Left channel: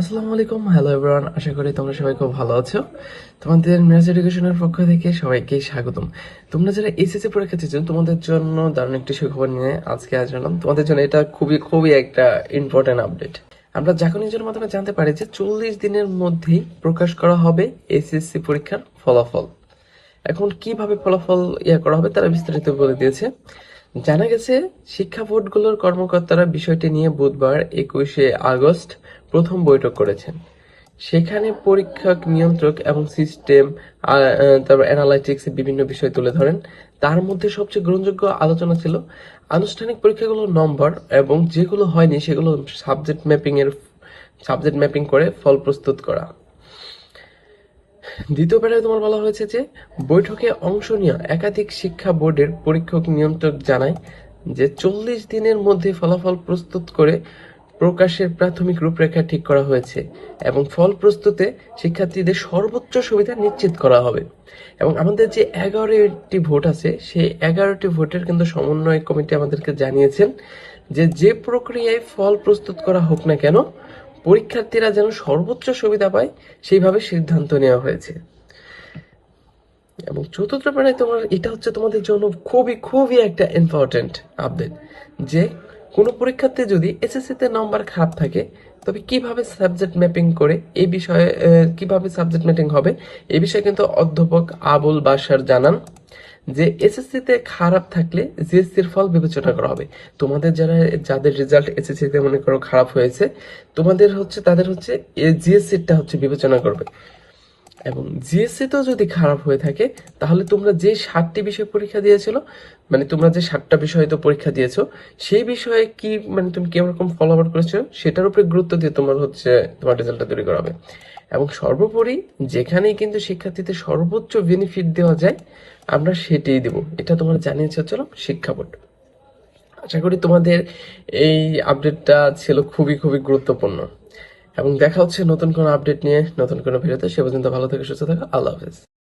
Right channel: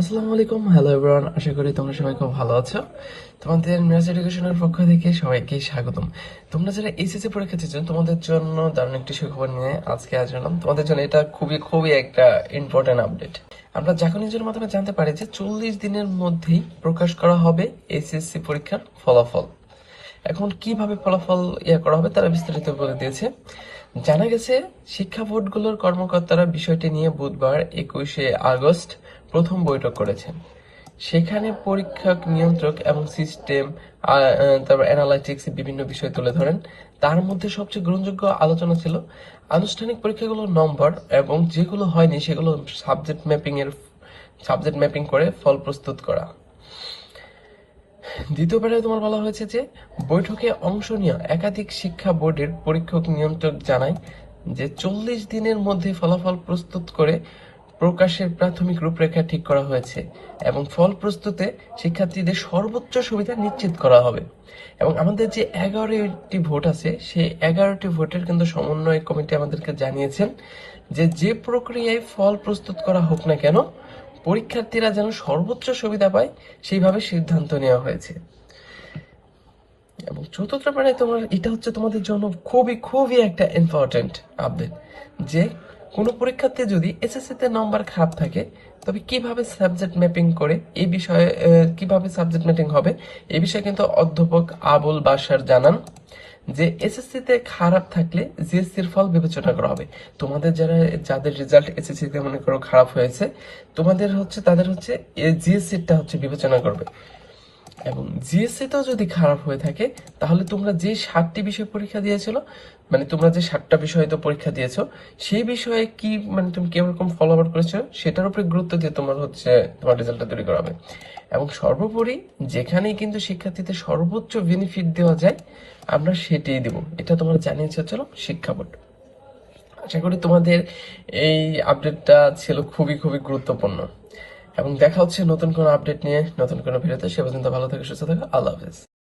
আসসালামু আলাইকুম, hello everyone. আশা করি তোমরা সবাই খুব ভালো আছো। তোমাদের মিরাজ এডুকেশনের পক্ষ থেকে সবাইকে স্বাগতম। তোমরা যারা এসএসসি পরীক্ষা দিচ্ছ তোমাদের জন্য দারুণ একটা সুখবর নিয়ে আজকে আসলাম। তোমাদের জন্য এটা খুবই খুবই একটা ইম্পর্টেন্ট আপডেট। আমরা জাগো নিউজের মাধ্যমে জানতে পারি যে 40 দিনের মধ্যেই প্রকাশ করা হবে এসএসসি পরীক্ষার ফলাফল। এখন কিভাবে ফলাফল করা হবে তারা বিস্তারিত বলে দিয়েছে। জানা গেছে শিক্ষা বোর্ডগুলোর কর্মকর্তারা বিষয়টি নিয়ে বুধবার 21শে আগস্ট প্রথম বৈঠক করেছেন। সেখানে পরীক্ষক, নিয়ন্ত্রক এবং সিস্টেম তারপর অ্যানালাইটিক্স বিভিন্ন বিষয় তুলে ধরেন। তার মধ্যে সবচেয়ে গ্রহণযোগ্য আলোচনা ছিল আনুষ্ঠানিক পরীক্ষাগুলোর নম্বর এবং যেগুলো হয়নি সেগুলো সাবজেক্ট ম্যাপিং করে ফল প্রস্তুত করা। দ্বিতীয়বারে তোমার বলা হয়েছে যে বৈঠকে অংশ নেওয়া একাধিক শিক্ষা বোর্ডের পরীক্ষক, নিয়ন্ত্রক জানায় যে 40 দিনের মধ্যে ফলাফল প্রস্তুত করে প্রকাশের প্রাথমিক রূপরেখা ঠিক করা হয়েছে এবং ফল প্রস্তুতে শিক্ষার্থীদের সর্বোচ্চ সুবিধা নিশ্চিত করা হবে। এবং আমাদের যে 11টি ভোট আছে সেই 11টি ভোটের কিন্তু সমন্বয় কমিটি আমাদেরকে জানিয়েছেন যে যে প্রক্রিয়ায় ফল প্রস্তুত করা হোক না কেন পরীক্ষার্থীরা যেন সর্বোচ্চ সুবিধা পায় সেইভাবে সিদ্ধান্ত নেওয়া হয়েছে। এবং চতুর্থ পর্যায়ে এটা হচ্ছে তোমাদের জন্য খুবই খুবই একটা ইম্পর্টেন্ট আপডেট যে কোনো পরীক্ষার্থী যদি এসএসসি তে নম্বর খারাপ থাকে তবে কিভাবে সাবজেক্ট ম্যাপিং করে এই বিষয়ে কিভাবে সাবজেক্ট ম্যাপিং হবে এই বিষয়ে কিন্তু অধ্যাপক আবুল বাশার জানান যে এসএসসি তে খারাপ থাকলে জিএসসির ফল বিবেচনা করা হবে। তোমাদের যাদের রেজাল্ট এসএসসি তে মনে করো খারাপ হয়েছে তাদের হচ্ছে জিএসসিটা হচ্ছে বিবেচনা করবে। এবং জিএসসি তো যদি খারাপ হয়ে থাকে তাহলে তোমরা যে 7টি বিষয় পরীক্ষা দিয়েছিল মানে তোমরা যে 7টা বিষয়ে তো পরীক্ষা দিয়েছো সেই বিষয়ে কি মানে তুমি কিরকম ফলো আউট করেছো সেটার উপরে গুরুত্ব দিয়ে তোমার রেজাল্টটা তৈরি করা হবে। এবং সর্বোপরি যেখানেই কিন্তু শিক্ষার্থীদের সর্বোচ্চ বেনিফিট দেওয়া যায় আমরা সেটাই দেব, এটা তোমার জানিয়েছে হচ্ছে শিক্ষা বোর্ড। আশা করি তোমাদের এই আপডেটটা ছিল খুবই খুবই গুরুত্বপূর্ণ। এবং দেখা হচ্ছে নতুন কোনো আপডেট নিয়ে নতুন কোনো ভিডিওতে। সে পর্যন্ত ভালো থেকে সুস্থ থাকো। আল্লাহ হাফেজ।